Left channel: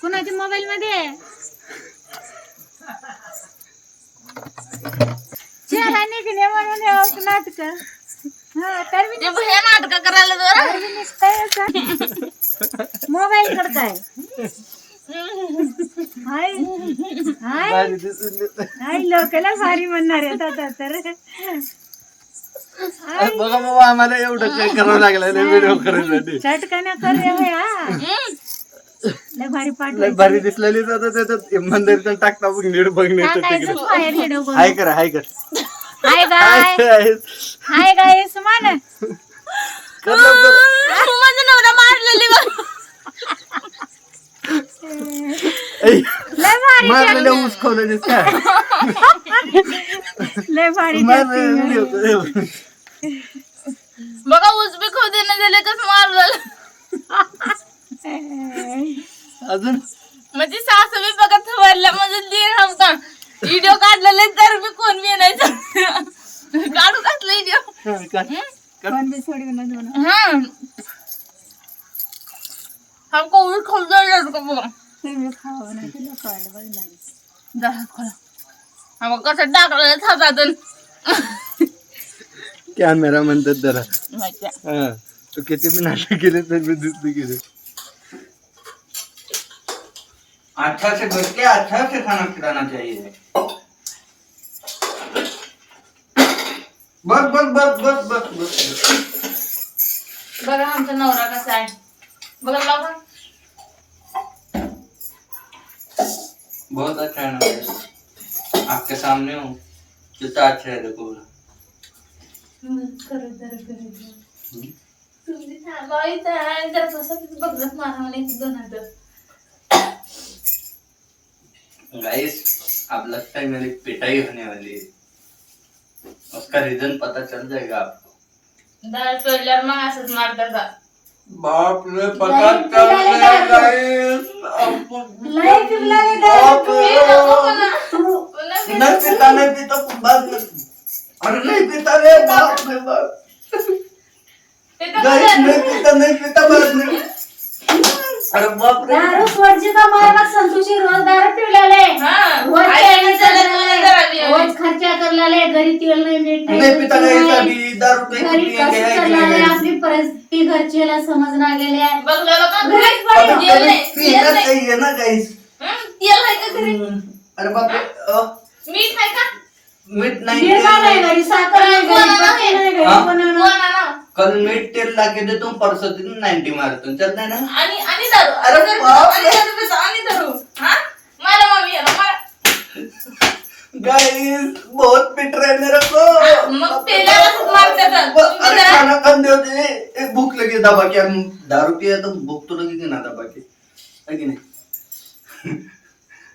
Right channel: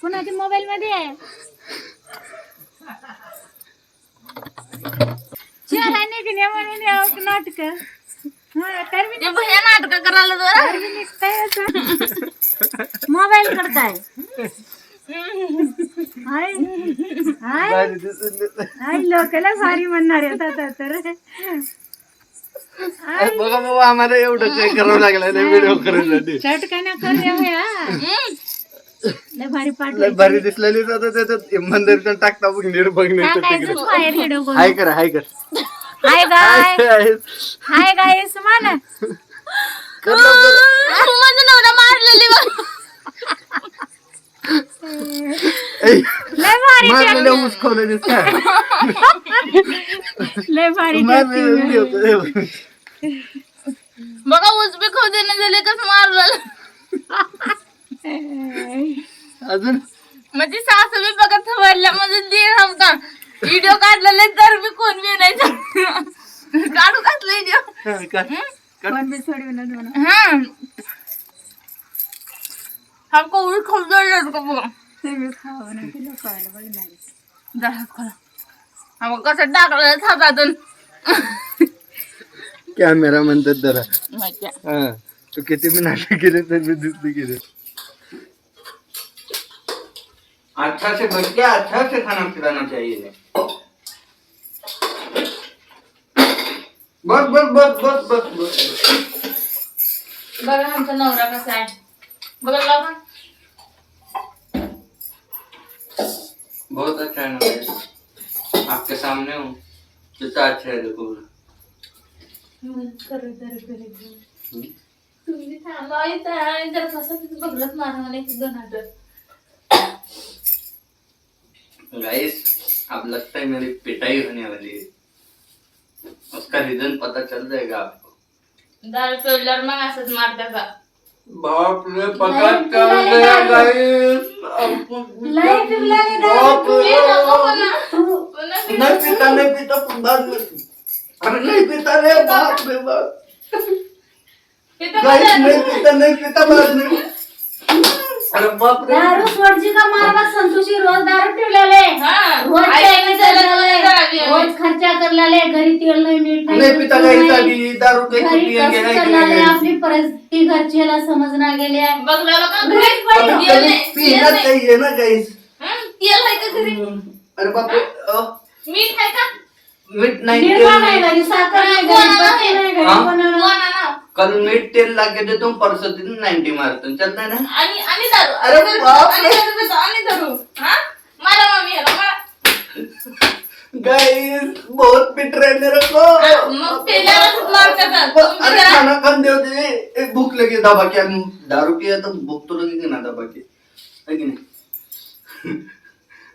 कुणाच्या मोबाईल मध्ये आहे म्हणून नाटक नाटक करायला मोबाईल करताय लोकांना भारी म्हणणार आहेत आता तर बघा बाबा आम्हाला एवढं काय करावं लागलं व्हिडिओ करायसाठी चटकाना करूया भारी पाठ भारी दिसलेली त्याच्यात मंदिर टाकता बघ नीट बघण्याचं तिकडे हाय कर हाय कर हाय गाइस हाय गाइस मान कर लवकर माझा नवरा मारलेली मारलेल्या ऊस खावलेली काय लय भारी बघा ऊस बी खाऊ देणं झाले कसं मारलं अजून म्हणजे सासू बी बघत वरल्या म्हणजे दीर हमता व्हिडिओ काढलेले तर मी कोण बी नाही काढू कसलं व्हिडिओ कोण बी सोडून म्हणून हमको ऊस खाऊ द्यायला का बघा तुम्ही खावा नाही तुला खायला बघणार दहा खाला हम कसं टाकलं हातातून कॅमेरा म्हणतात जरा मजा हा तू किती बी नाटक केले तर मी दिसली केले अच्छा से भर के अच्छा से खाना खिलाना चाहिए बस बस बस बस बस बस बघा आमचा नवरा कसा आहे बघा बघा बहुत अच्छा है ना आपके सामने हूँ कितना अच्छा है देखो तुम्ही थांबा इथं जर कसं बघलंच मारा नाही दोन हात गाइस अब लगता है मेरी पिटाई होने वाली है उसका रीजन पता चल जाएगा आपको दाल चोरल्यावर मग असंच मारतात बा बाप रे पता चल गया गाइस लय पिवलाले नहीं पीता बाद में अरे नहीं पीता रे बाप रे बाप गाइस नहीं पीता बाद में अरे बाप रे दारू सोडजी का मारवा संतोषी रोज दारू पिवलाले रोज खर्चा करलाले घरी तेल नाही मीठ नहीं पीता गाइस अभी दारू पे घरी कसं करलाले आपली परिस्थिती घरचेला समजना गेल्या बघला पीना चाहिए ना गाइस तेल आहे का घरी अरे बाप रे मीठ आहे का मीठ नहीं निर्मा नाही घरी साखर नाही घरी पत्ती नाही घरी बनवणार कल मीठ तेल लाके देता हूँ परसों दिन 90 मारता हूँ चलता है ना आणि दारू अरे बाप रे आणि दारू हां मला मम्मी याला गाइस बहुत पिट रहे मेरे को मग तेलाला मारतात अरे खाना खान दे दे भूख लगी दबा के दारू पिया तो भूख तो लगेगी ना दबा के है कि नहीं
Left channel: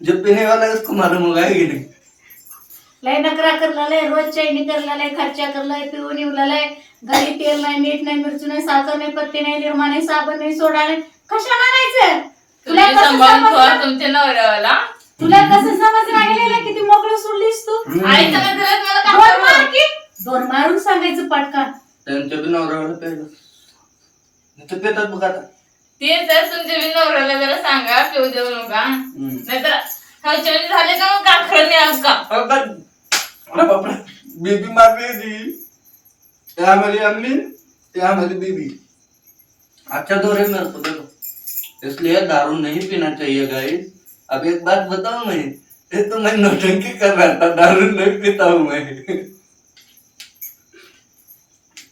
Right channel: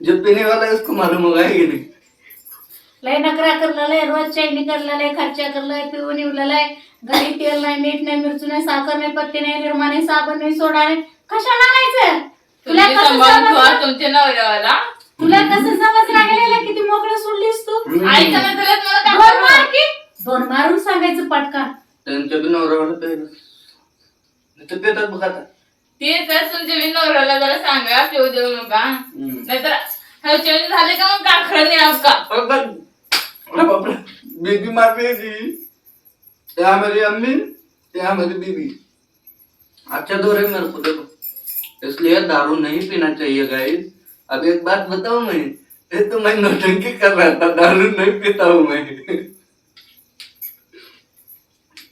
जो पीने वाला है उसको मालूम होगा है कि नहीं लय नकरा करलाय रोज चैनी करलाय खर्चा करलाय पिऊन इवलाय घरी तेल नाही मीठ नाही मिरची नाही साखर नाही पत्ती नाही निर्मा नाही साबण नाही सोडा नाही कशाला आणायचं तुला कसं तुमच्या नवऱ्याला तुला कसं समजलं गेलेलं किती मोकळं सोडलीस तू आईचा नंतर मला मार की दोन मारून सांगायचं पटकन त्यांच्या बी नवऱ्याला प्यायला नाही तर पेतात बघा आता ते तर तुमच्या बी नवऱ्याला जरा सांगा पिऊ देऊ नका नाहीतर हौचवणी झाले का मग काखड नाही आपका अरे बाप रे बीबी मार रही थी यहाँ मेरी अम्मी यहाँ मेरी बीबी अच्छा दो रहे मेरे को देखो इसलिए दारू नहीं पीना चाहिए गाइस अब एक बात बताऊं मैं ये तो मैं नौटंकी कर रहा था दारू नहीं पीता हूँ मैं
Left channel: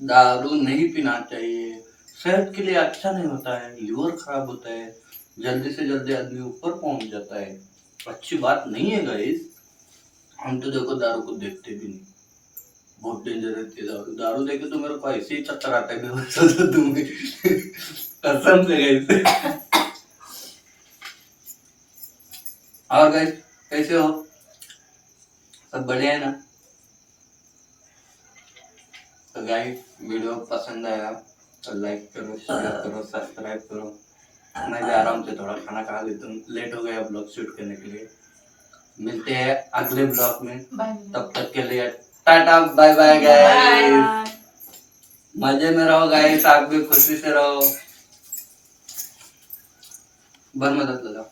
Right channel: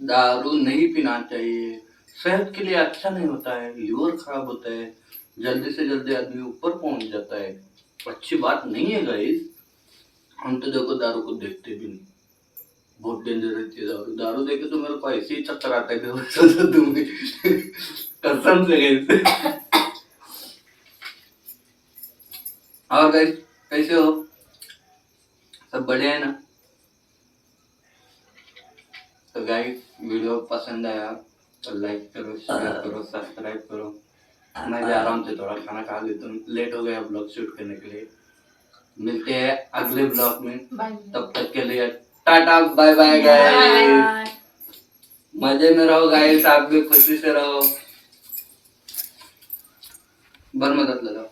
दारू नहीं पीना चाहिए सेहत के लिए अच्छा नहीं होता है लीवर खराब होता है जल्दी से जल्दी आदमी ऊपर पहुंच जाता है अच्छी बात नहीं है गाइस हम तो देखो दारू को देखते भी नहीं बहुत डेंजर रहती है दारू दारू देखे तो मेरे को ऐसे ही चक्कर आता है तुम्हें कसम से गाइस और गाइस कैसे हो सब बढ़िया है ना तो गाइस वीडियो पसंद आया तो लाइक करो शेयर करो सब्सक्राइब करो मैं जा रहा हूँ तो थोड़ा खाना खा लेता हूँ लेट हो गया ब्लॉग शूट करने के लिए मिलते हैं अगले ब्लॉग में तब तक के लिए टाटा बाय बाय गाइस मजे में रहो गाइस, आप भी खुशी से रहो। बर मदद लगाओ।